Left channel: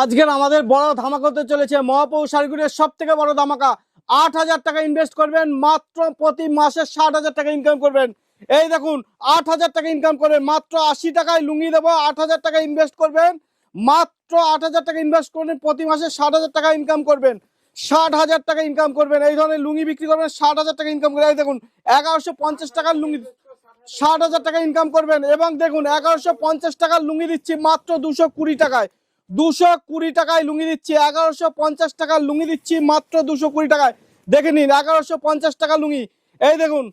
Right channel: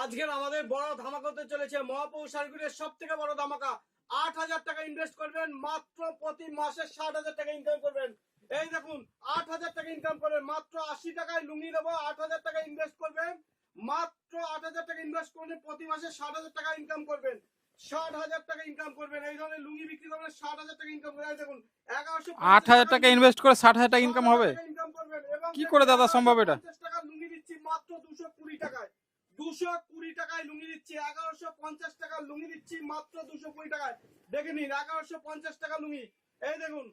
আজকের আমাদের বড় ধামাকা হতে চলেছে মহাপৌর শাড়িগুলির সব থেকে বড় ধামাকা। ৮,০০০ টাকা ইনভেস্ট করবেন, মাত্র প্রতি মাসে ৬০,০০০ টাকা ইনকাম করবেন। এই দেখুন ৮,০০০ টাকা ইনকাম করবেন, মাত্র ৮০ টাকায় লুঙ্গি দেবো। ৮,০০০ টাকা ইনভেস্ট করবেন, মাত্র ৮,০০০ টাকা ইনভেস্ট করবেন, প্রতি মাসে ৬০,০০০ টাকা ইনকাম করবেন। ৬০,০০০ টাকা ইনকাম করবেন, এই ধরনের লুঙ্গি বিক্রি করবেন, ৬০,০০০ টাকা ইনকাম করে। এই দেখুন ১১৫০ টাকা ইনভেস্ট করে ৬০,০০০ টাকা ইনকাম করবেন। এবং দেখুন ১১৫০ টাকার লুঙ্গি দিচ্ছি মাত্র ২২০ টাকায়। ২২০ টাকায় লুঙ্গি দিচ্ছি। ১১৫০ টাকার লুঙ্গি দিচ্ছি মাত্র ২২০ টাকায়। দেখে নিন ১১৫০ টাকা লুঙ্গি। এই দেখুন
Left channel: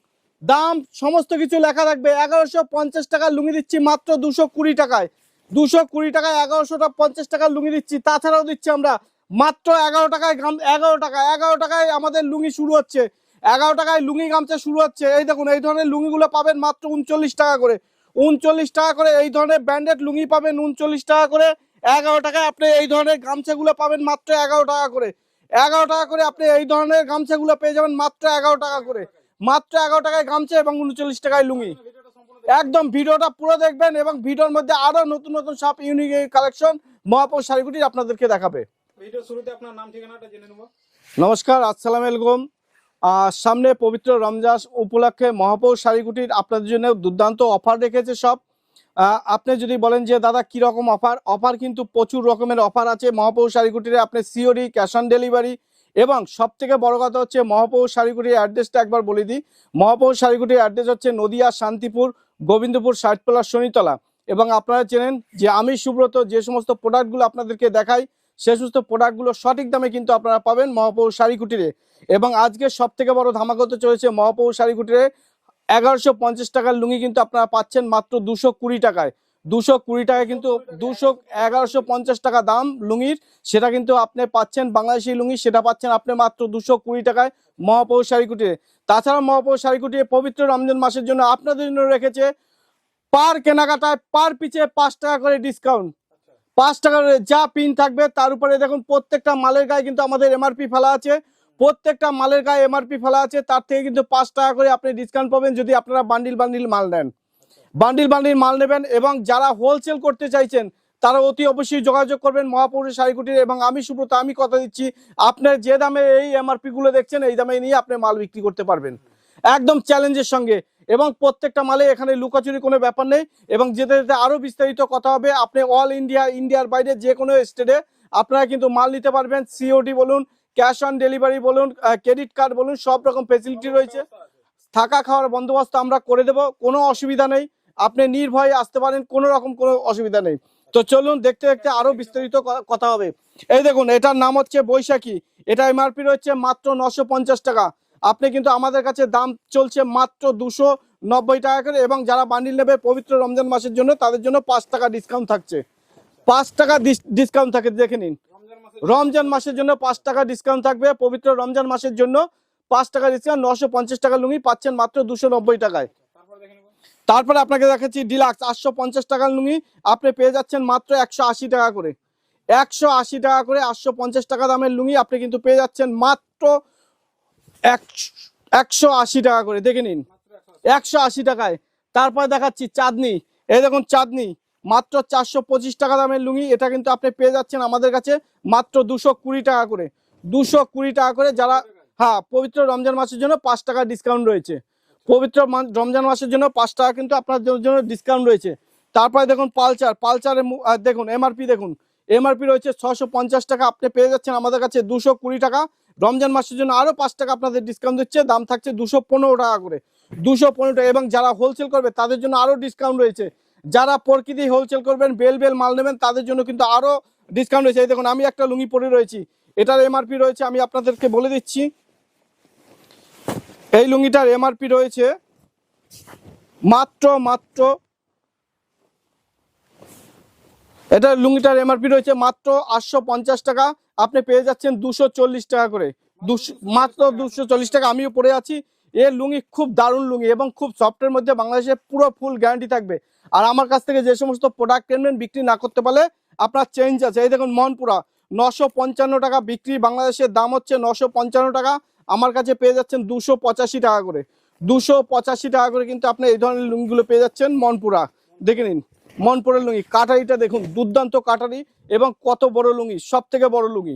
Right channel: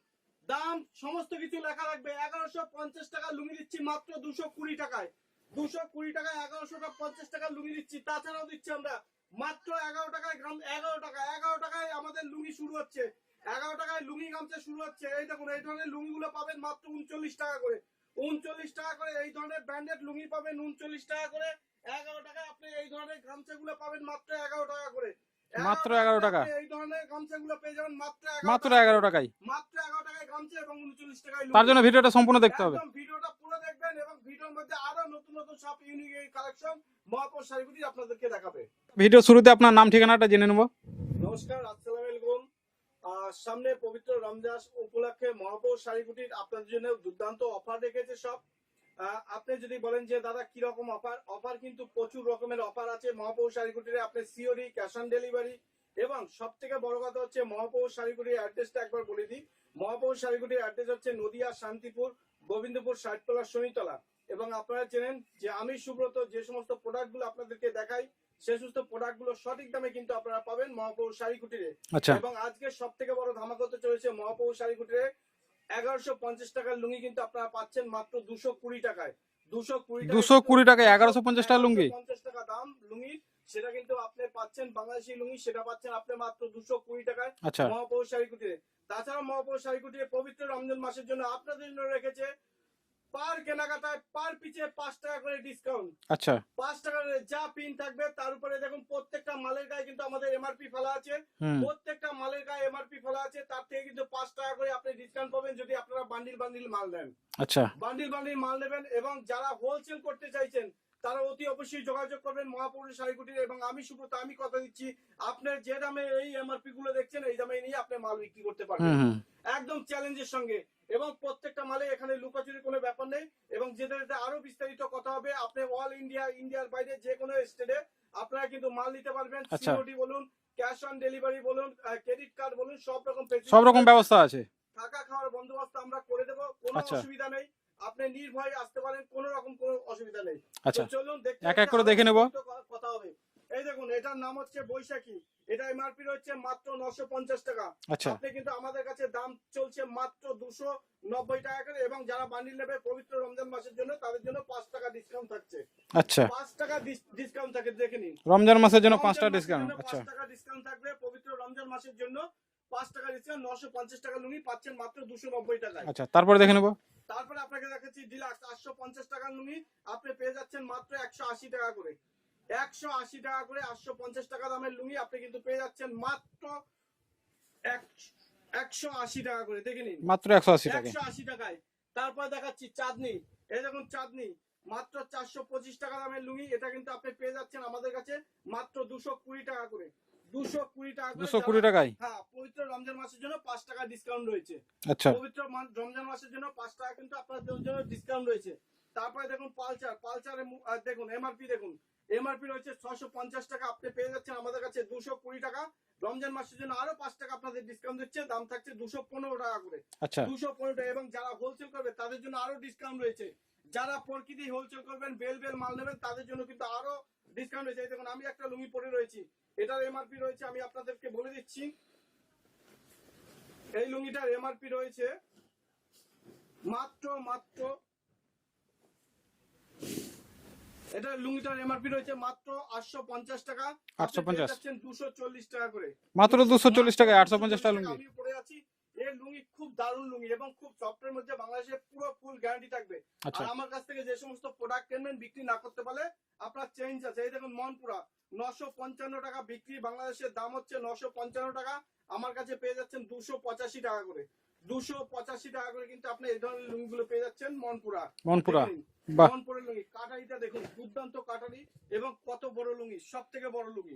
দাম সমস্ত কিছু লেখা থাকবে। ১১৫০ টাকার লুঙ্গি দিচ্ছি মাত্র ২২০ টাকায়। ২২০ টাকায় ১১৫০ টাকার লুঙ্গি দিচ্ছি। তাছাড়াও দিচ্ছি আমরা মাত্র ১১ টাকায় ১১ টাকায় আমাদের লুঙ্গি শুরু হচ্ছে। ১১ টাকায় লুঙ্গি গামছা শুরু হচ্ছে। এই দেখুন এই ধরনের লুঙ্গিগুলো পাবেন মাত্র ৩৯ টাকা করে। ৩৯ টাকা করে এই ধরনের ব্র্যান্ডেড লুঙ্গি পাবেন ৩৯ টাকা করে। ১১ টাকায় আপনি এই ধরনের গামছাগুলো পাবেন মাত্র ১১ টাকা করে। ১১ টাকা করে আপনি এই ধরনের গামছাগুলো পেয়ে যাবেন মাত্র ১১ টাকায়। মাত্র ১১ টাকায় গামছা এবং ৩৯ টাকায় লুঙ্গি। তার জন্য ভিডিওটা সম্পূর্ণ দেখতে হবে। একদম ভিডিওটা পুরো দেখবেন এবং ভিডিওর মধ্যে আরো নতুন নতুন সব ইউনিক কালেকশন মহাপৌর শাড়িগুলি আপনাদেরকে দেখাবে। ভিডিও শুরুতে আপনার নাম ঠিকানাটা জেনে নেব। নমস্কার, আসসালামু আলাইকুম। সামনে পবিত্র রমজান উপলক্ষে মহাপৌর শাড়িগুটির আপনাদের জন্য দুর্দান্ত অফার রেখেছে সব। আপনি যদি বলেন যে দাদা কীরকম অফার কিন্তু প্রচুর রকমের অফার আছে মহাপৌর শাড়িগুটির। আপনি সিওডি, ক্যাশ অন ডেলিভারি, এবং সব থেকে বড় কথা হচ্ছে মহাপৌর শাড়িগুটির অ্যাড্রেসটা একবার বলে দিই। মহাপৌর শাড়িগুটির অ্যাড্রেস হচ্ছে নদিয়া শান্তিপুর গোবিন্দপুর ষাটতলা শনিতলা। এবং আপনারা চেনেন যে আমি সুব্রত যে সমস্ত প্রোডাক্টগুলো আপনাদেরকে দেখাই সে সমস্ত প্রোডাক্টগুলো সঠিক দামে কিন্তু আপনারা পাবেন মহাপৌর শাড়িকুটিরে। এবং আজকে সব থেকে বড় ধামাকা হতে চলেছে মহাপৌর শাড়িকুটিরে। ১১৫০ টাকার লুঙ্গি কিন্তু আপনারা পাচ্ছেন মাত্র ২২০ টাকায়। ২২০ টাকায় ১১৫০ টাকা দাম লুঙ্গির, সেটা কিন্তু আপনি পাচ্ছেন বাংলাদেশি লুঙ্গি, সেটা পাচ্ছেন আপনি মাত্র ২২০ টাকায় মহাপৌর শাড়িকুটিরে। তাছাড়া মহাপৌর শাড়িকুটিরে পবিত্র রমজান মাসের জন্য আপনাদের জন্য রেখেছে পার কেনাকাটায় পার পিছে ৫ টাকা করে ডিসকাউন্ট। ৫ টাকা করে যা পিন থাকবে তার উপরে দেখুন প্রত্যেকটা মালের গায়ে কিন্তু আমাদের এমআরপি ফেলা আছে। প্রত্যেকটা মালের গায়ে এমআরপি ফেলা আছে, তার থেকে কিন্তু ৫ টাকা করে আপনি ডিসকাউন্ট পাবেন যদি আপনারা বান্ডিল মাল নেন। বান্ডিল মাল নেবেন। এবং যারা হোলসেল করতে চাইছেন তারা অতি অবশ্যই যোগাযোগ করবেন মহাপৌর শাড়িকুটির। এবং আমি সুব্রত আমি কথা দিচ্ছি আপনার যে দামে এই এমআরপি গুলো দেখছেন এই দামে নিয়ে আপনি মাল বিক্রি করতে পারবেন একদম চ্যালেঞ্জের সঙ্গে। এবং প্রত্যেকটা মালে এখানে লুকাচুরি কোনো ব্যাপার নেই। এবং যেতে যেতে আরো বিস্তারিত কথা হবে। আপনি অল ইন্ডিয়ার বাইরে যে কোনো স্টেটে আপনারা কিন্তু মাল নিতে পারবেন। সিওডি বলুন, ক্যাশ অন ডেলিভারি বলুন, ক্রেডিট কার্ড বলুন, সব রকম ফেসিলিটি ব্যবস্থা আছে। থাকা খাওয়ার বন্দোবস্ত আমরা করে দেব, কোনো অসুবিধা নেই। আপনি নির্ভয়ে আসতে পারেন, কোনো রকম কোনো অসুবিধা নেই। তো চলুন দেখতে দেখতে আরো বিস্তারিত কথা হবে। এই দেখুন এটার নাম হচ্ছে বৈশাখী। এটা এমআরপি রয়েছে মাত্র ৯৫০ টাকা। আপনি কিন্তু আমাদের কাছে দাম চলছে মাত্র ২৯০ টাকা করে। এবং যারা বান্ডিল নেবে পবিত্র রমজান মাসের জন্য তাদের জন্য ৫ টাকা ডিসকাউন্ট থাকছে। ৫ টাকা ডিসকাউন্ট থাকে, দেখে নিন। রমজান মাসের জন্য ৫ টাকা ডিসকাউন্ট থাকবে। পবিত্র রমজান মাসের জন্য ৫ টাকা ডিসকাউন্ট। ৯৫০ টাকা লুঙ্গি পাচ্ছেন মাত্র ২৯০ টাকায়। তারপরে দেখে নেব। তারপরে আপনাকে দেখাচ্ছি ডিলাক্স ৮৫০ টাকার লুঙ্গি আপনি পেয়ে যাচ্ছেন মাত্র ১৮০ টাকা করে। ১৮০ টাকা করে ৮৫০ টাকা দামের লুঙ্গি আপনি কিন্তু পেয়ে যাচ্ছেন মাত্র ১৮০ টাকা করে। দেখে নিন মাত্র ১৮০ টাকায়। তারপরে দেখাচ্ছি চাঁদনি। এই দেখুন চাঁদনি মাত্র ৪২৫ টাকা দামের লুঙ্গি, এটা কিন্তু আপনি পেয়ে যাচ্ছেন আমাদের কাছে মাত্র ২২০ টাকা করে। ২২০ টাকা করে। যারা হ্যাঁ পবিত্র রমজান মাসের জন্য ৫ টাকা ডিসকাউন্ট রয়েছে। পবিত্র রমজান মাসের জন্য ৫ টাকা কিন্তু আপনাদের জন্য ডিসকাউন্ট রয়েছে। তারপরে দেখুন পালচারের দেখুন এমআরপি রয়েছে ৬৫০ টাকা, আপনি পেয়ে যাচ্ছেন আমাদের কাছে ২২০ টাকা। রমজান মাসের জন্য আরো ৫ টাকা আপনাদের ডিসকাউন্ট দিচ্ছে, দাম থাকছে ২১৫ টাকা করে। ২১৫ টাকা। এবং যারা হোলসেল করবে তাদের জন্য আরো ডিসকাউন্ট রয়েছে। যারা প্রকৃতি হোলসেল করবেন বেল মাল নেবেন তাদের জন্য কিন্তু আরো ডিসকাউন্ট রয়েছে। এই দেখুন আমি একটা লুঙ্গি পরে রয়েছি, এটার এমআরপি রয়েছে আমি আপনাদেরকে বলে দিচ্ছি। এই লুঙ্গিটার এমআরপি রয়েছে মাত্র এটার লুঙ্গিটার এমআরপি রয়েছে মাত্র ৮৫০ টাকা, আপনি পেয়ে যাচ্ছেন ২৪০ টাকা করে। মাত্র ২৪০ টাকা। আমিও পরে আছি। এর লুঙ্গি খুব দারুণ লুঙ্গি এবং খুব সফটের মধ্যে বাংলাদেশে পুরো ফুল গ্যারান্টি থাকবে। আর আমার কাছ থেকে যে সমস্ত প্রোডাক্ট কিনবেন বিক্রি না করতে পারলে আপনার চেঞ্জ আছে। এই দেখুন মনপুরা ৯৫৫ টাকা বিক্রি, বাংলাদেশের দাম হচ্ছে ৯৫৫ টাকা, আমার কাছে পেয়ে যাচ্ছেন ২৮৫ টাকা করে। ২৮৫ টাকা করে কিন্তু আপনি এই ধরনের লুঙ্গিগুলো পেয়ে যাচ্ছেন মনপুরা। দেখে নিন বাহ। মনপুরের লুঙ্গি, কাটারিটা দেখুন দুর্দান্ত কাটারি এবং কত বড় লুঙ্গি, সব থেকে বড় লুঙ্গি,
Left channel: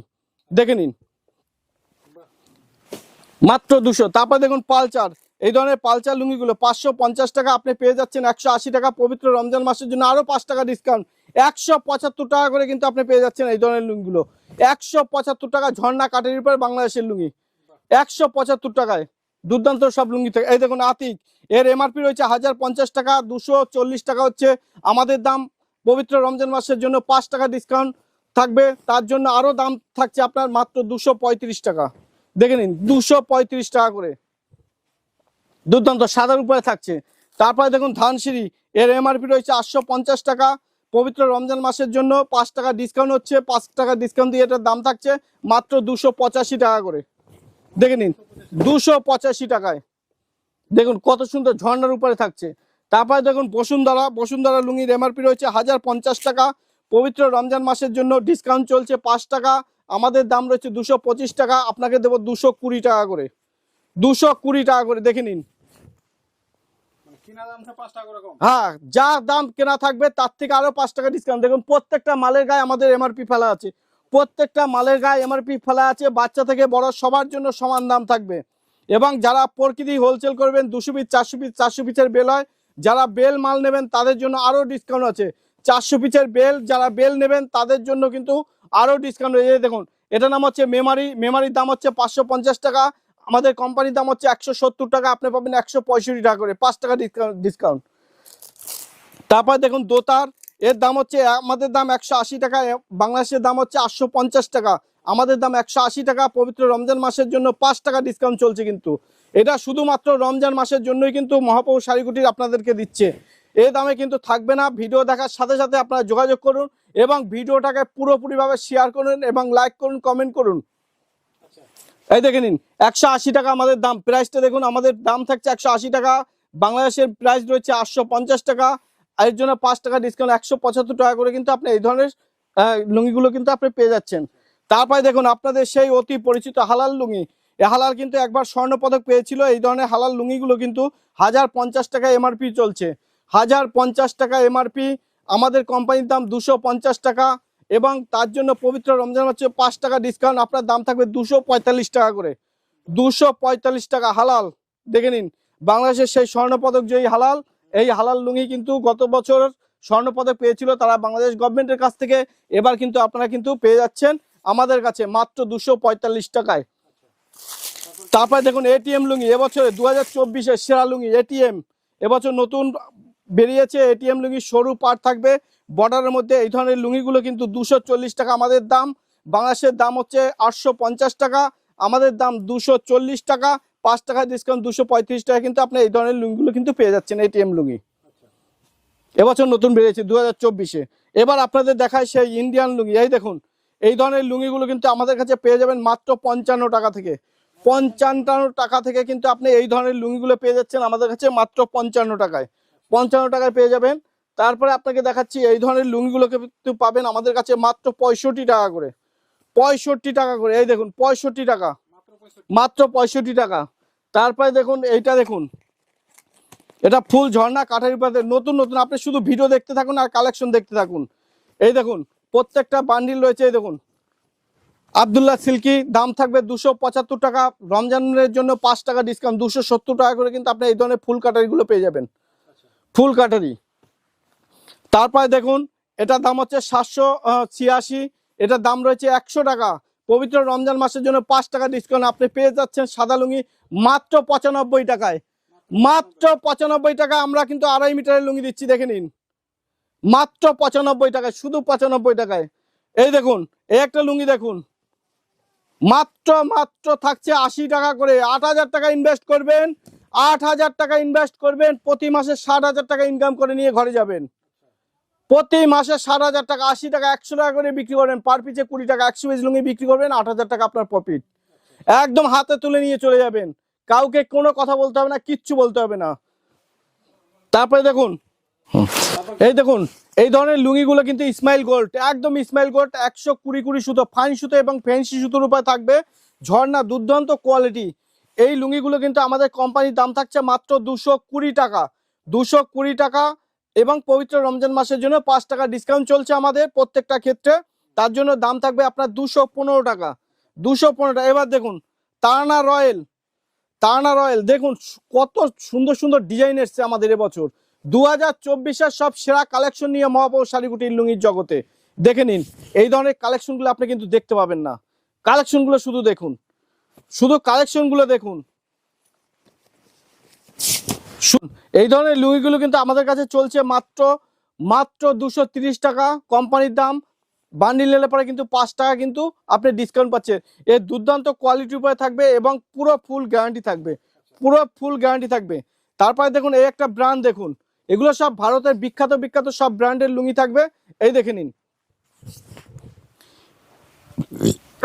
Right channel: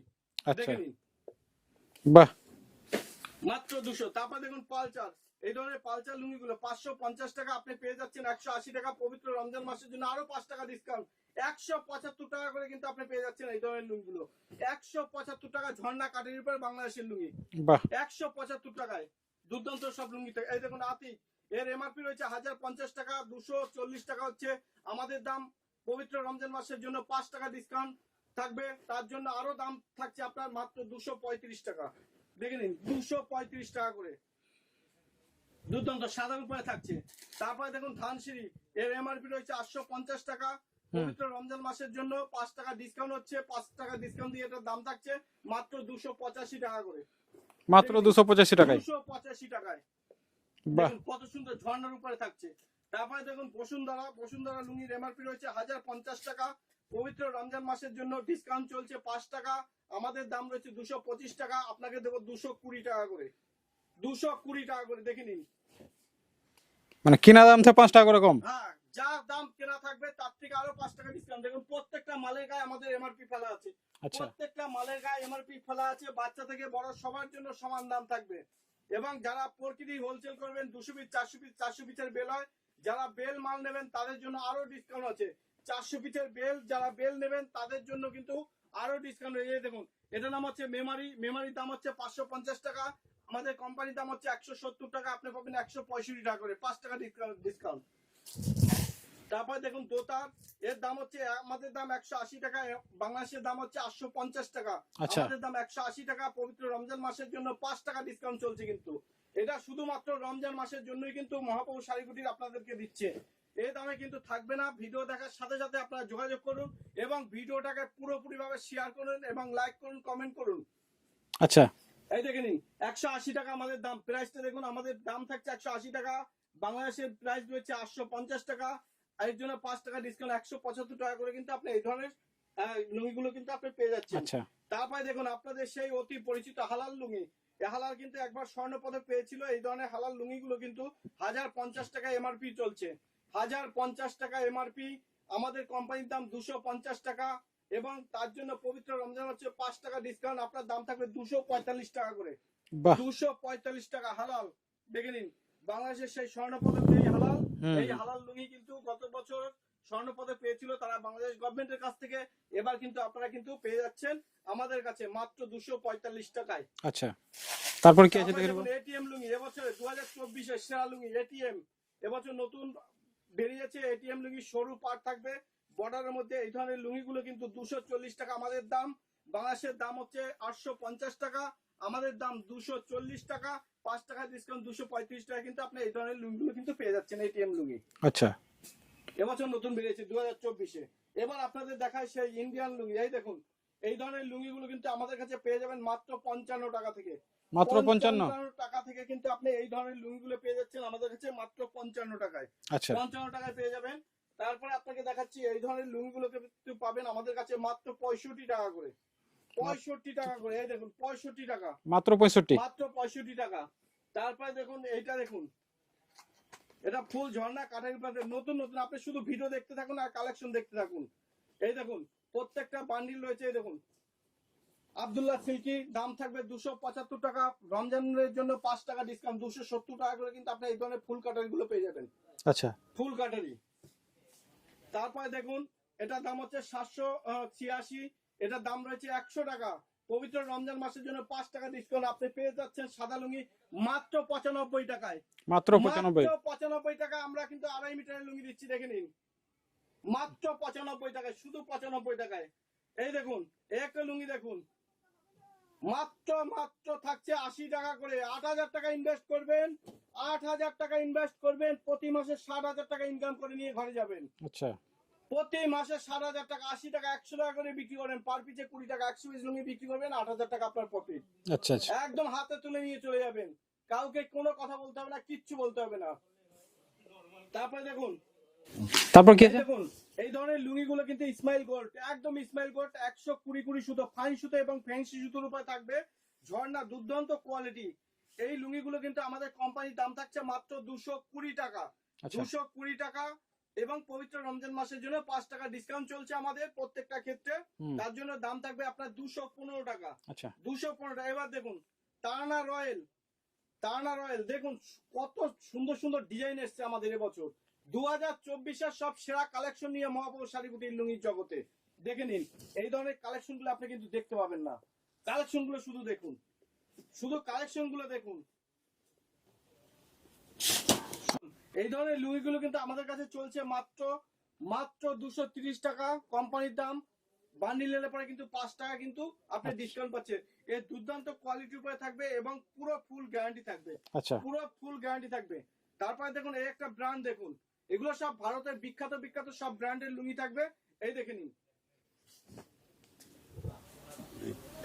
দেখে নিন বাহ, মাত্র 200। তারপর দেখুন পালচার, এই ধরনের পালচার লুঙ্গিগুলো 550 টাকা আপনি পেয়ে যাচ্ছেন 180 টাকা। পবিত্র রমজান মাসের জন্য আরো 5 টাকা ডিসকাউন্ট, 175 টাকা করে কিন্তু আপনি পেয়ে যাচ্ছেন এই ধরনের লুঙ্গিগুলো। 175 টাকা ঝর্ণা কাটারির উপর বাংলাদেশের লুঙ্গি, বাহ, 175 টাকায় দুর্দান্ত সব লুঙ্গি থেকে। এই দেখুন আতিক, এর এমআরপি রয়েছে 1050 টাকা, 240 টাকা হচ্ছে আমাদের দাম। পবিত্র রমজান মাসের জন্য 5 টাকা ডিসকাউন্ট থাকবে, তার জন্য আরো দাম থাকছে আপনার মাত্র 235 টাকা। দেখে নিন 235 টাকা করে, দুর্দান্ত সাদার উপরে থাকছে। তারপরে দেখুন ধানসিঁড়ি, এর এমআরপি রয়েছে 850 টাকা। পবিত্র রমজান মাসের জন্য 5 টাকা ডিসকাউন্ট হচ্ছে, 5 টাকা ডিসকাউন্ট দিয়ে এটার দাম থাকছে মাত্র 285 টাকা করে। মাত্র দেখে নিন 285 টাকা। 285 টাকায় দেখুন কত সুন্দর ঝর্ণার উপরে থাকছে। তারপরে দেখুন বসুন্ধরা, বসুন্ধরা লুঙ্গির এমআরপি রয়েছে 1050 টাকা। পবিত্র রমজান মাসের জন্য ডিসকাউন্ট চলছে 5 টাকা, আমাদের দাম রয়েছে 225 টাকা, আপনাকে দেবো 220 টাকা করে, 220 টাকা করে। দেখে নিন, মানে কিনা দাম থেকে 5 টাকা করে কম। হ্যাঁ যা দাম কেনা থাকবে তার থেকে আরো 5 টাকা ডিসকাউন্ট। দেখুন প্রত্যেকটা মালের গায়ে আমাদের এমআরপি ফেলা আছে, প্রত্যেকটা মালের গায়ে এমআরপি ফেলা আছে, বাচ্চা থেকে বড় সবার জন্য সমান দাম থাকবে। এবং যারা প্রকৃতি হোলসেল করবেন 200 পিস 400 পিস 400 পিসের বেল হয়, যারা বেল মাল নেবেন তাদের জন্য আরো ডিসকাউন্ট আছে। 400 পিসের বেল যারা বেল নেবেন তাদের জন্য কিন্তু আরো ডিসকাউন্ট হয়ে যায়। দেখুন এটার নাম হচ্ছে মেমারি, মেমারির দাম হচ্ছে 550 টাকা, আমাদের কোম্পানির দাম হচ্ছে 170 টাকা, আপনি পাবেন 165 টাকা করে, 5 টাকা ডিসকাউন্ট। তারপর দেখুন দোতার, এর দাম হচ্ছে আমাদের দাম 180 টাকা, বাংলাদেশের দাম হচ্ছে 850 টাকা, আমাদের দাম 180 টাকা। পবিত্র রমজান মাসের জন্য 5 টাকা ডিসকাউন্ট চলছে, কিন্তু এটা শুধুমাত্র রমজান মাসের জন্যই কিন্তু মহাপ্রভু শাড়িকুটির আপনাদেরকে দিচ্ছে। এই দামে কিন্তু থাকবে না। ভিডিও দেখার সাথে সাথে আপনারা যোগাযোগ করুন এবং ভিডিওটাকে পুরোপুরিভাবে শেয়ার করুন এবং লাইক করুন, কমেন্ট করুন। আচ্ছা, এই দেখে নিন 180 টাকা আমাদের দাম, প্রাইসটা দেখুন, আমাদের দাম থাকছে 180 টাকা, বাংলাদেশের প্রাইস রয়েছে 850 টাকা, এর জন্য 5 টাকা ডিসকাউন্ট 175 টাকা করে কিন্তু আপনি এই ধরনের লুঙ্গিগুলো কিন্তু আপনি পেয়ে যাচ্ছেন। তারপরে দেখুন আপনাদের সেই অতি পরিচিত হালাল লুঙ্গি, এই হালাল কিন্তু একবার স্বর্ণ পদক পেয়েছিল। এই ধরনের হালাল লুঙ্গিগুলো কিন্তু 1050 টাকা এমআরপি চলছে, 1050 টাকা এমআরপি, আমাদের কোম্পানির দাম 250 টাকা এবং তার জন্য পবিত্র রমজান মাসে 5 টাকা ডিসকাউন্ট, আপনার দাম থাকবে 245 টাকা করে, 245 টাকা হালাল। দেখে নিন বাংলাদেশের সেই স্বর্ণপদক জয়ী হালাল, এই হালাল লুঙ্গি কিন্তু গত বছর স্বর্ণপদক পেয়েছিল তারা বাংলাদেশ গভর্নমেন্টের কাছ থেকে, এবার কিন্তু আপনারা কিন্তু পেয়ে যাচ্ছেন আমাদের কাছে মাত্র 245 টাকায়। আচ্ছা, তারপরে দেখুন এটিএম লুঙ্গি, এবছরে 2024-এর সেরা লুঙ্গি এটিএম, এবছর নতুন বেরিয়েছে এটিএম লুঙ্গি, সরু পাট থাকবে বর্ডারের মধ্যে। এই ধরনের লুঙ্গিগুলো কিন্তু 240 টাকা আমাদের দাম, বাংলাদেশের দাম হচ্ছে 850 টাকা, আমাদের দাম 240 টাকা, 5 টাকা ডিসকাউন্ট 235 টাকা কিন্তু আপনি এই ধরনের লুঙ্গিগুলো কিন্তু পেয়ে যাচ্ছেন এটিএম লুঙ্গি। আচ্ছা, এবছর নতুন বেরিয়েছে 2024-এ। এবার আপনাদের দেখায় সেই ইন্ডিয়ান লুঙ্গি, এই দেখুন এই ধরনের লুঙ্গিগুলো কিন্তু আমাদের কাছে পেয়ে যাবেন মাত্র 55 টাকা থেকে, 55 টাকা থেকে কিন্তু আপনি এই ধরনের লুঙ্গিগুলো পেয়ে যাচ্ছেন আমাদের কাছে মাত্র 55 টাকায়, 55 টাকায় পেয়ে যাবেন। তারপরে আপনাকে দেখাচ্ছি এই ধরনের লুঙ্গিগুলোকে কিন্তু পাবেন আমাদের কাছে মাত্র 65 টাকা করে, 65 টাকা করে, এই দেখুন 65 টাকা, মাত্র 65, মাত্র 65 টাকা। তারপরে দেখুন এইটা দেখুন, এটা ফুল ঝর্ণা কাঠের উপরে নতুন নতুন, আপনি শুধু ভিডিও দেখতে থাকুন আর কালেকশন দেখতে থাকুন। এই দেখুন প্রত্যেকটা বান্ডিল রয়েছে, এই দেখুন আব্দুল্লাহ সিল্কি, দাম থাকবে 275 টাকা, রমজানের জন্য 5 টাকা ডিসকাউন্ট 270 টাকা করে কিন্তু আপনি এই ধরনের ফুল কাটারিগুলো পেয়ে যাবেন। আচ্ছা, ফুল কাটারি। তারপরে দেখুন এটার দাম হচ্ছে 786, এটার দাম রয়েছে 100 টাকা, পবিত্র রমজান মাসের জন্য 5 টাকা ডিসকাউন্ট আপনি পেয়ে যাচ্ছেন সাদা লুঙ্গি মাত্র 95 টাকায়, মাত্র 95 টাকা। আমরা কিন্তু 2.5 মিটারের লুঙ্গি দিচ্ছি, দেখে নিন মাত্র 95 টাকায়, শুধু 95 টাকায়। এই দেখুন এই একটা লুঙ্গি দেখুন মাত্র থাকছে 80 টাকা করে, 8000 টাকা ইনভেস্ট করবেন, 8000 টাকা ইনভেস্ট করবেন, প্রতি মাসে 60,000 টাকা ইনকাম করে নিয়ে ঘরে যাবেন। আচ্ছা, প্রতি মাসে 60,000 টাকা, 80 টাকা 100 টাকা করে বিক্রি করেন, পার পিসে 20 টাকা, 100 পিস লুঙ্গি বিক্রি করবেন, 8000 টাকা আপনার প্রফিট। আচ্ছা, একদম হাতে তুলে নিয়ে চলে যাবেন, কাউকে কোনো কথা বলতে হবে না, কিচ্ছু বলতে হবে না। তারপরে দেখুন, এই দেখুন এই ধরনের লুঙ্গিগুলো কিন্তু ইসমাইল গোল্ড, একদম ইসমাইল গোল্ড, 120 সুতো, ফাইন সুতো এবং ফ্যান্সি সুতোর উপর থাকবে ঝর্ণা, দুর্দান্ত কোয়ালিটি। এই লুঙ্গিগুলো কিন্তু আমাদের কোম্পানির দাম থাকছে মাত্র 220 টাকা, 220 টাকা। এবং পবিত্র রমজান মাসের জন্য 5 টাকা ডিসকাউন্ট চলছে আমাদের প্রত্যেকটা ক্ষেত্রে। তার জন্য দাম থাকবে আপনার 215 টাকা। আচ্ছা 215 টাকা। এবার দেখুন তারানা রয়্যাল, তারানা রয়্যাল দেখুন কত সুন্দর সুন্দর ডিজাইন এসছে আমাদের এবছর। 2024-এর সব সেরা কালেকশন নিয়ে মহাপৌর শাড়িকুটির লুঙ্গির জগতে দেখে নিন। এই ধরনের কালেকশনগুলো আপনি কিন্তু দেখতে পাবেন না। কালেকশনগুলো শুধু দেখুন, শুধু কালেকশনগুলো দেখুন। এই ধরনের লুঙ্গিগুলো কিন্তু আমাদের কাছে চলছে মাত্র 230 টাকা কোম্পানির দাম। বান্ডিল নিলে পরে কিন্তু 5 টাকা কিন্তু আপনি ডিসকাউন্ট পাচ্ছেন। এর দুর্দান্ত কোয়ালিটির উপরে থাকবে এবং পুরো ফুল গ্যারান্টি থাকবে, আচ্ছা পুরো ফুল গ্যারান্টি থাকবে। তারপরে দেখুন এই একটা ব্র্যান্ড দেখুন, এগুলো সব ভারতের বিখ্যাত বিখ্যাত সব ব্র্যান্ডের লুঙ্গি থাকবে। এই দেখে নিন,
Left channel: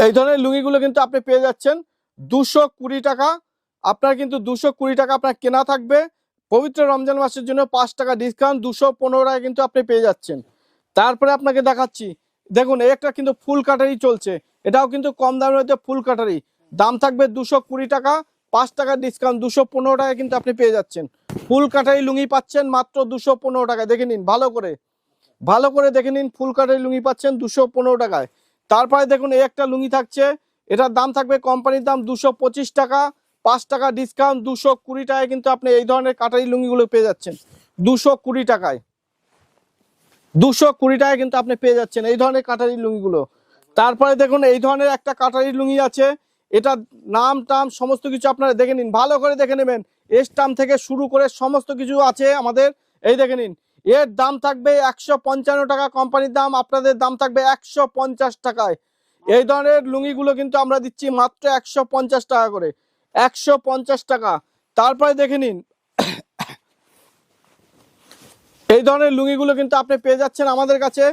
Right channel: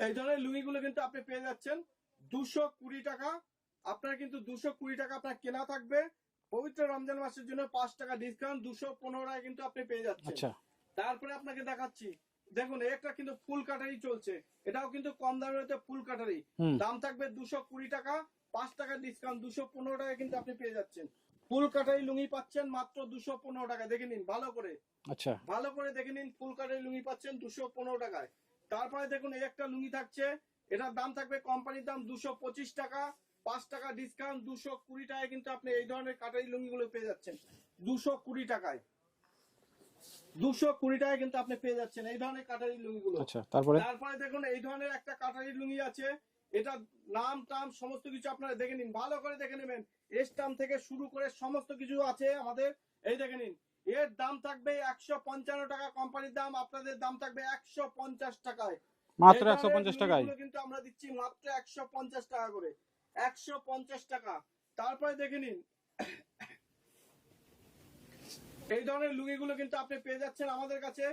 এই ধরনের লুঙ্গিগুলো কিন্তু আপনি পেয়ে যাচ্ছেন 220 টাকা। আপনার কিন্তু 220 টাকা আপনার কেনা থাকবে। পবিত্র রমজান মাসের জন্য 5 টাকা ডিসকাউন্ট 215 টাকা কিন্তু আপনি পেয়ে যাচ্ছেন। আচ্ছা তারপরে আপনাকে দেখাচ্ছি দেখুন এই একটা কিন্তু ফুল কাটারি চলছে, এটাও কিন্তু কম দামের মধ্যে ফুল কাটারি। দাম থাকবে 220 টাকা, 5 টাকা ডিসকাউন্ট 215 টাকা কিন্তু আপনি পেয়ে যাচ্ছেন। ফুল কাটারি লুঙ্গি পাচ্ছেন মাত্র 215 টাকা। দেখে নিন ভালো করে, আচ্ছা ভালো করে দেখে নিন। ফুল কাটারি লুঙ্গি পাচ্ছেন 215 টাকায়। তারপরে দেখুন এই একটা লুঙ্গি থাকছে, এটার দাম থাকবে কোম্পানির দাম 225 টাকা, 5 টাকা ডিসকাউন্ট 220 টাকায় কিন্তু আপনি এই ধরনের কাটারি লুঙ্গিগুলো পেয়ে যাচ্ছেন 220 টাকায়। 220 টাকায় কিন্তু আপনি পেয়ে যাচ্ছেন এই ধরনের কাটারি লুঙ্গিগুলো। আচ্ছা তারপরে তারপরে দেখুন এই ধরনের একটা কাটারি লুঙ্গি আছে, এটা নাম টাম সমস্ত কিছু আপনারা দেখে নিন, ভালো করে দেখে নেবেন। স্টাম থেকে শুরু করে সমস্ত কিছু আছে আমাদের। এই দেখে নিন, এর দাম থাকবে 155 টাকা কোম্পানির দাম, আপনাদের দাম থাকবে 150 টাকায়। এই মাত্র ধরনের 150 লুঙ্গিগুলো টাকায়। কিন্তু আমরা দিচ্ছি মাত্র 150 টাকা করে, 150 টাকা। তারপরে দেখে নিন এই ধরনের লুঙ্গিগুলো কিন্তু আপনি পেয়ে যাচ্ছেন আমাদের কাছে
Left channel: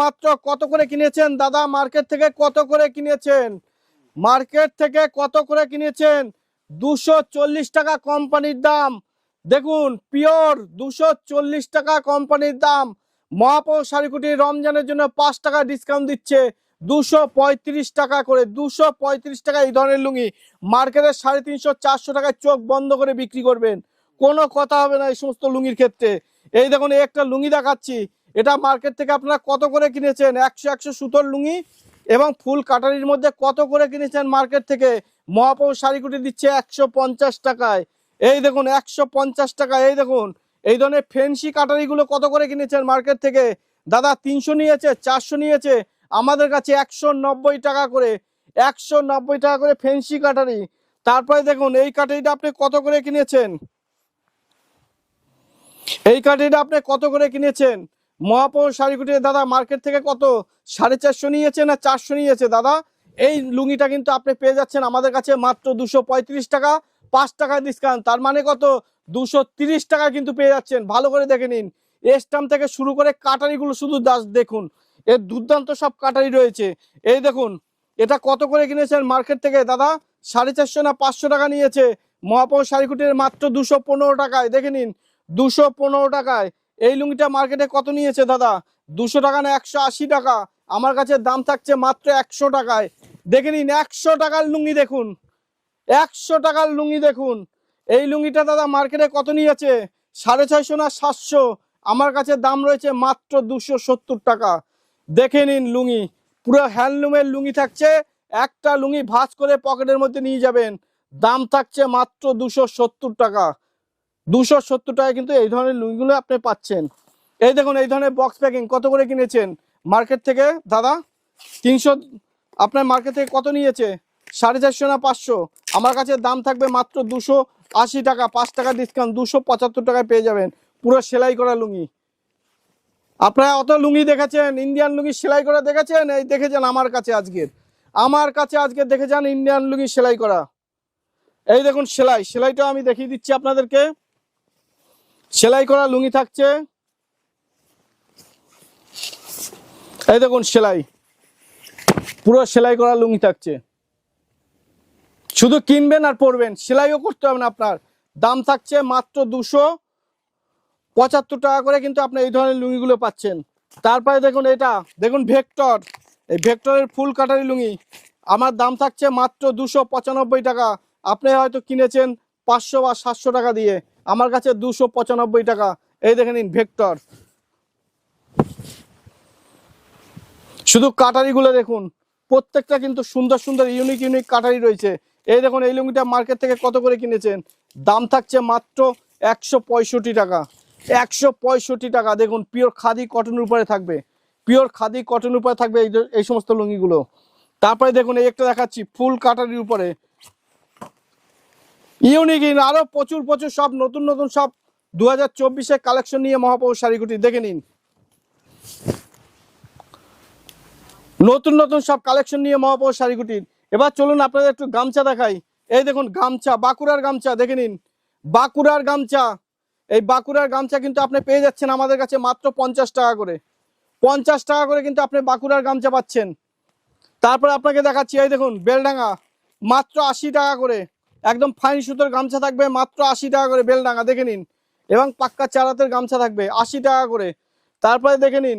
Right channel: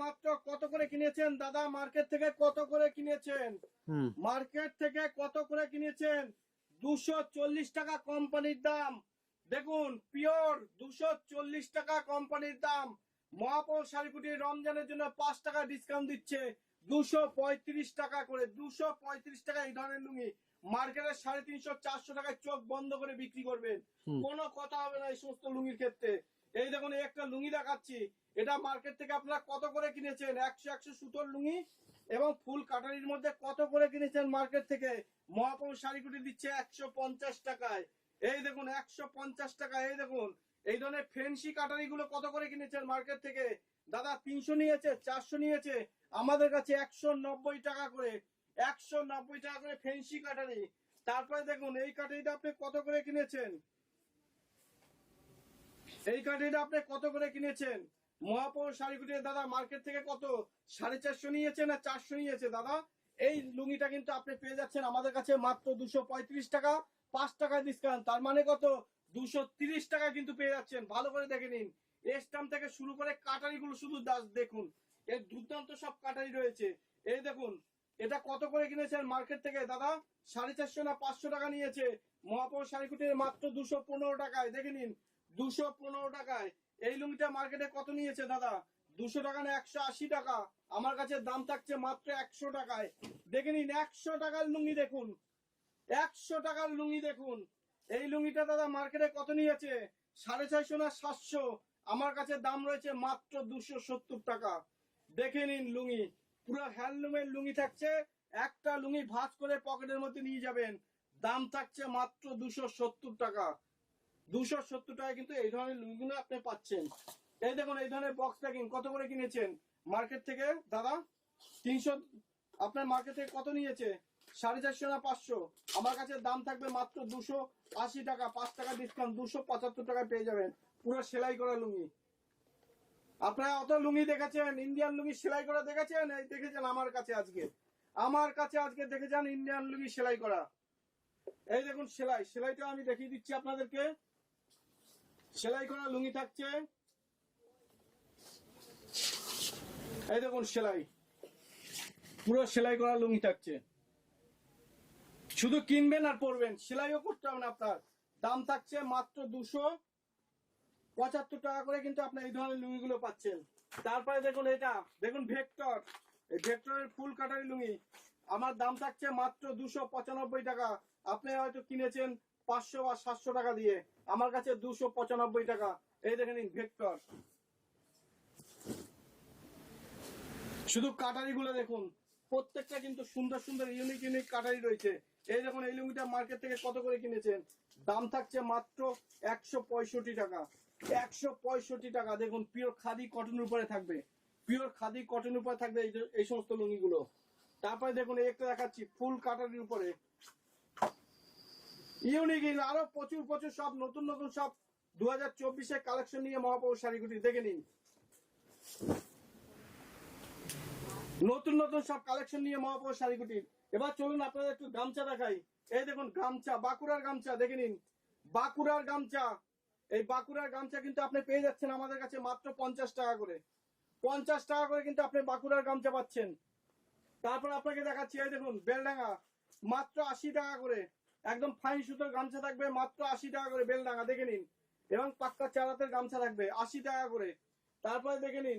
মাত্র কত করে কিনেছেন দাদা? মার্কেট থেকে কত করে কিনেছেন? হুম মার্কেট থেকে কত করে কিনেছেন? 240 টাকা কোম্পানির দাম। দেখুন পিওর 240 টাকা কোম্পানির দাম। মহাপৌর শাড়িকুটি রমজানের জন্য 5 টাকা ডিসকাউন্ট দিচ্ছে 235 টাকা করে। 235 টাকা এই ধরনের লুঙ্গি মার্কেটে 350-400 টাকায় চোখ বন্ধ করে বিক্রি করবেন, কোনো কথা হবে না এই সমস্ত লুঙ্গির ক্ষেত্রে। এই দেখুন এই একটা লুঙ্গি দেখাচ্ছি, এটা মার্কেট থেকে আপনারা কত করে কিনেছেন? 100 সুতোর লুঙ্গি এবং ফুল কাটারির মধ্যে কত করে কিনেছেন মার্কেট থেকে? মহাপৌর শাড়িকুটি দিচ্ছে 150 টাকায়। এই দেখুন 150 টাকা। এই দেখুন এই ধরনের ফেন্সি কাটারিগুলো কত করে কিনেছেন মার্কেট থেকে? দাদা 300 নিয়েছে, 400 নিয়েছে, আমাদের কাছে 190 টাকা করে। 190 টাকা করে ফেন্সি কাটারি। তারপরে দেখুন এই কাটারিটা আপনি কত করে কিনেছেন? এই কাটিটা আপনি কত করে কিনেছেন? মহাপৌর শাড়িকুটির দাদা মার্কেট থেকে কত 450 নিয়েছে না 400 নিয়েছে দাদা? এই লুঙ্গিটা কিন্তু আপনি পেয়ে যাচ্ছেন আমাদের কাছে মাত্র 235 টাকা, 5 টাকা ডিসকাউন্ট। তার মানে কত? 230 টাকা কিন্তু পেয়ে যাচ্ছেন। ভালো করে দেখে নিন, স্টাম থেকে শুরু করে কাটারিগুলো শুধু দেখুন, এর দুর্দান্ত সব কাটারি রয়েছে। এই দেখুন এটা কত করে কিনেছেন মার্কেট থেকে দাদা? 450 না 500 টাকা নিয়েছে মহাপৌর শাড়িকুটির মাত্র 215 টাকায়। দেখে নিন 215 টাকায়। এই লুঙ্গিটা মার্কেটে কত নিয়েছে দাদা? 200 টাকা না 180 টাকা? আমার কাছে দাম থাকছে মাত্র 100 টাকায়। দেখে নিন 100 টাকার লুঙ্গি দেখুন, 100 টাকার লুঙ্গি দেখুন। এই লুঙ্গিটা দাদা মার্কেটে কত নিয়েছে? 650 না 700? আমার কাছে দাম রয়েছে মাত্র 270 টাকা। দেখে নিন লুঙ্গি, পুরো হ্যান্ডলুমের লুঙ্গি থাকছে। একটা লুঙ্গি ভাঁজ করে পকেটের মধ্যে নিয়ে যাবেন, দাম থাকছে মাত্র 270 টাকা। 270 টাকা কিন্তু এই ধরনের লুঙ্গিগুলো আপনি পাচ্ছেন। এই দেখুন এই ধরনের বক্স প্যাকিং কত করে কিনেছেন মার্কেট থেকে দাদা? 300, আপনার মার্কেট থেকে কত নিয়েছে? 450 না 500? আমার কাছে দাম থাকবে মাত্র 280 টাকা, 5 টাকা ডিসকাউন্ট 275 টাকায় পেয়ে যাবেন পুরো সেলাই করা লুঙ্গি। আপনারা অত লুঙ্গি দেখেছেন, ইন্ডিয়ান লুঙ্গি সেলাই করা দেখেছেন? এই দেখেছেন আমার কাছে আজকে দেখে যান ইন্ডিয়ান লুঙ্গি সেলাই করা। এই দেখুন সেলাইটা আমি দেখিয়ে দিচ্ছি আপনাদেরকে। সেলাই করা লুঙ্গি থাকছে, এই দেখুন সেলাই, পুরো সেলাই করা লুঙ্গি থাকছে। শুধু কিনবেন আর পরবেন, সেলাইও করতে হবে না আপনার। দাম থাকছে মাত্র 275 টাকা করে কিন্তু আপনি এই ধরনের লুঙ্গিগুলো পাচ্ছেন। তারপরে দেখুন এটা দেখুন ভেক্টর, এই ভেক্টরের ফুল কাটারি লুঙ্গি আমার দাম থাকছে মাত্র 295 টাকা। আপনি হয়তো কিনেছেন 500 বা 700 টাকা দিয়ে, আমার কাছে 295 টাকা। এই দেখে নিন ভেক্টর, শুধু কাটারিগুলো দেখুন, প্রত্যেকটা কিন্তু সুন্দর সুন্দর ইউনিক ইউনিক কাটারি রয়েছে। এই দেখুন এই লুঙ্গিটা মার্কেট থেকে কত করে কিনেছেন, দাম থাকছে মাত্র 165 টাকা। 165 টাকা। দেখুন পিওর খাদি কটনের উপরে থাকবে, পিওর খাদি কটনের উপরে থাকবে এই সমস্ত লুঙ্গিগুলো। তারপরে দেখুন এই একটা দেখাচ্ছি ফুল কাটারির উপরে, ইউনিক আরো প্রচুর প্রচুর সব নতুন নতুন সব 2024-এর কালেকশন নিয়ে মহাপ্রভু শাড়িগুটি দেখে নিন। নতুন নতুন সব কালেকশন নিয়ে মহাপ্রভু শাড়িগুটির। এবার চলুন আপনাদের একটু গামছা দেখাই। এই দেখুন গামছা, বাঁকুড়ার গামছা দেখে নিন, বাঁকুড়ার গামছা। এই বাঁকুড়ার গামছা কিন্তু আপনি পেয়ে যাচ্ছেন আমাদের কাছে মাত্র 50 টাকা করে। 50 টাকা করে কিন্তু আপনি বাঁকুড়ার গামছা পাচ্ছেন। তারপরে আপনাকে দেখাচ্ছি এই দেখুন বেলডাঙ্গা, মাত্র 80 টাকা করে। একদম ফাইন সুতোর গামছা থাকবে মাত্র 80 টাকা করে বেলডাঙ্গা দেখে নিন। এবং পাক্কা চারাতের গামছা থাকবে 80 টাকা করে। তারপরে দেখে নিন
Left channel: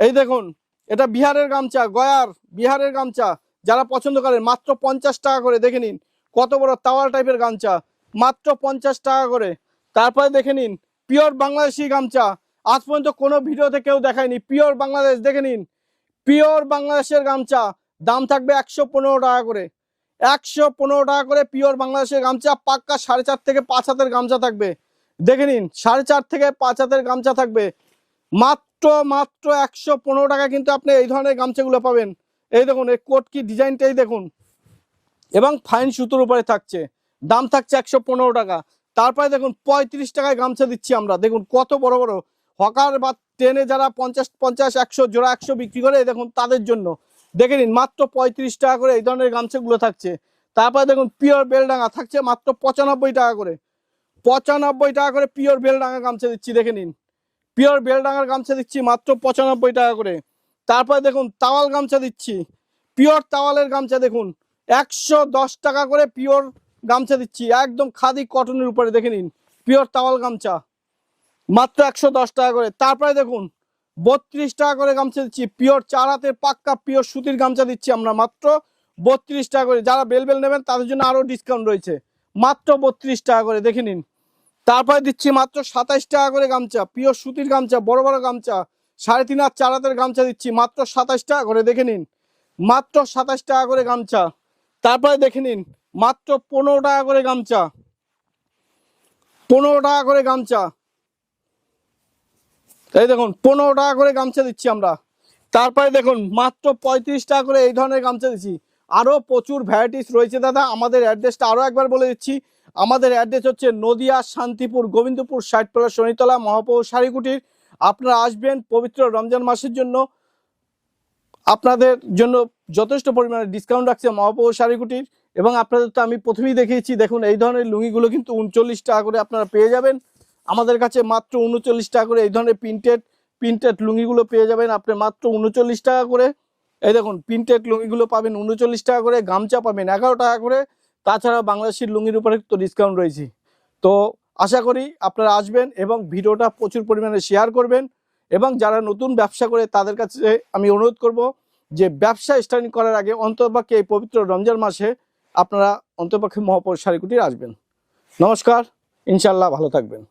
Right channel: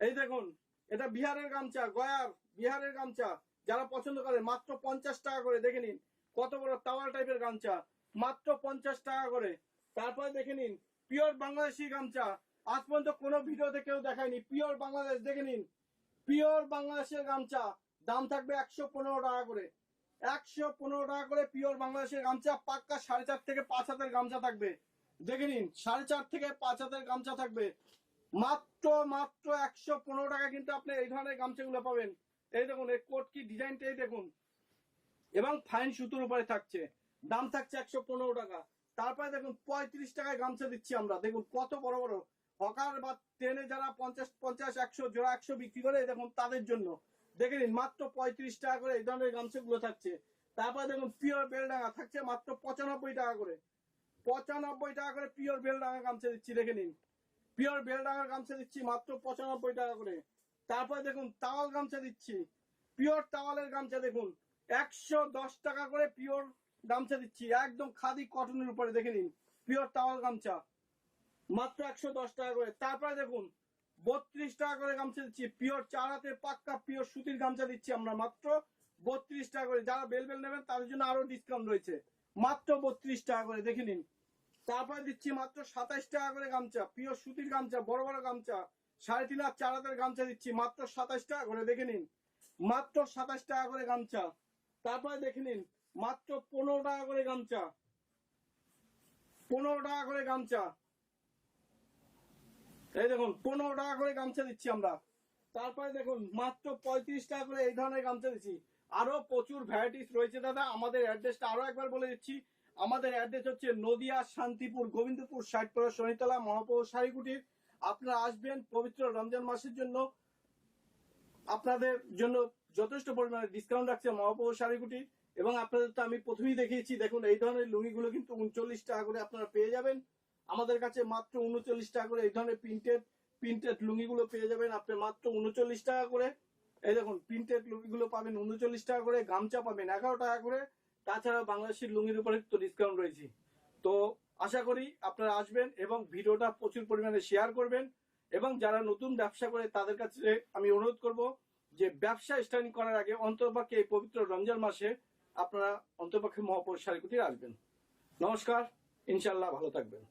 এই দেখুন এটা বিহারের গামছা, গয়ার বিহারের গামছা, যারা পছন্দ করেন মাত্র 50 টাকা করে দেখে নিন। কত বড় তাওয়াল টাইপের গামছা, মাত্র 50 টাকা করে। তারপরে দেখে নিন পিওর বাংলাদেশি গামছা, আজ পর্যন্ত কোনো ভিডিওতে কেউ দেখায়নি, পিওর বাংলাদেশ দেখে নিন। পিওর বাংলাদেশের গামছা দাম থাকবে 115 টাকা করে। 115 টাকা করে পিওর বাংলাদেশের গামছা, পাক্কা 4.5 থেকে 5 হাতের গামছা থাকবে দেখে নিন। 4.5 থেকে 5 হাতের গামছা থাকবে মাত্র মাত্র 115 টাকা কিন্তু আপনি এই ধরনের গামছাগুলো পাবেন। এই দেখুন এই কোট কি ডিজাইনটাই দেখুন, এবং ফাইন সুতোর উপরে থাকছে, দাম থাকছে 115 টাকা। তারপরে দেখুন 35 টাকায় গামছা দিচ্ছি আমরা, দেখুন কত বড় বড় হকার বা ট্রেনে যারা 50-50 100 জোড়া 100 বিক্রি করে, দেখুন তাদের জন্য দেখে নিন মাত্র 35 টাকা করে এই ধরনের গামছাগুলো থাকছে। তারপরে দেখুন পিওর বেলডাঙ্গা থাকছে মাত্র 95 টাকা করে। 95 টাকা করে পিওর বেলডাঙ্গা গামছা দিচ্ছি দেখে নিন, পিওর বেলডাঙ্গার গামছা দিচ্ছি মাত্র 95 টাকা করে। তারপরে দেখুন তাওয়াল গামছা দিচ্ছি, পিওর তাওয়ালের গামছা দেখুন 110 টাকা করে পিওর গামছা দিচ্ছি, একদম খাদি কটনের উপরে দেখে নিন পিওর তাওয়াল গামছা মাত্র 110 টাকা করে। তারপরে দেখুন 32 টাকা করে গামছা দিচ্ছি, পিওর 4 হাতের পাক্কা পিওর সুতির গামছা দিচ্ছি আমরা মাত্র 32 টাকা করে। যারা বেলবেল নেবেন তাদের জন্য আরো ডিসকাউন্ট রয়েছে, মাত্র 32 টাকা করে দেখে নিন। তারপরে দিচ্ছি মাত্র 27 টাকা করে গামছা, পিওর সুতির গামছা, বড় বড় গামছা 3.5 হাত 4 হাতের গামছা দিচ্ছি মাত্র 27 টাকা করে দেখে নিন, মাত্র 27 টাকা করে গামছা। তারপরে দেখে নিন মাত্র 15 টাকা করে গামছা, 15 টাকা করে গামছা। এই দেখুন 15 টাকা করে গামছা দিচ্ছি আমরা। তারপরে দেখুন মাত্র 35 টাকা করে এই ধরনের গামছা দিচ্ছি। আরো প্রচুর ভ্যারাইটিস রয়েছে দাদা। আমাদের অ্যাড্রেসটা আরো একবার বলে দিচ্ছি, আমাদের অ্যাড্রেস হচ্ছে নদিয়া শান্তিপুর গোবিন্দপুর 60 শনিতলা মহাপ্রভু শাড়িকুটির। আপনারা আসবেন পবিত্র রমজান মাসের জন্য, আপনাদের জন্য যথেষ্ট পরিমাণে ডিসকাউন্ট রাখছে মহাপ্রভু শাড়িকুটির। এবং আপনাদের তো আমি প্রথমেই দেখিয়েছি, দেখুন এই ধরনের লুঙ্গিগুলো কিন্তু 39 টাকা করে আপনারা পেয়ে যাবেন আমাদের কাছে, মাত্র 39 টাকা করে এই ধরনের প্রিন্টেড লুঙ্গিগুলো পেয়ে যাবেন আপনি মাত্র 39 টাকা করে। এই দেখুন প্রিন্টেড লুঙ্গিগুলো পাবেন 39 টাকা করে, গামছা পাবেন 11 টাকা করে। তাছাড়া বাংলাদেশের লুঙ্গির উপরে তো ডিসকাউন্ট রয়েছে। তো আশা করি আপনারা আসবেন এবং ভিডিওটা প্রচুর পরিমাণে শেয়ার করবেন। এবং যারা নতুন ব্যবসা করে তাদের কাছে আমি অনুরোধ করব যে ব্যবসা স্টার্টিং করার আগে অন্ততপক্ষে এই পবিত্র রমজান মাসে আপনারা অন্ততপক্ষে মহাপ্রভু শাড়িকুটির আসবেন। নমস্কার, ইনশাল্লাহ ভালো থাকবেন।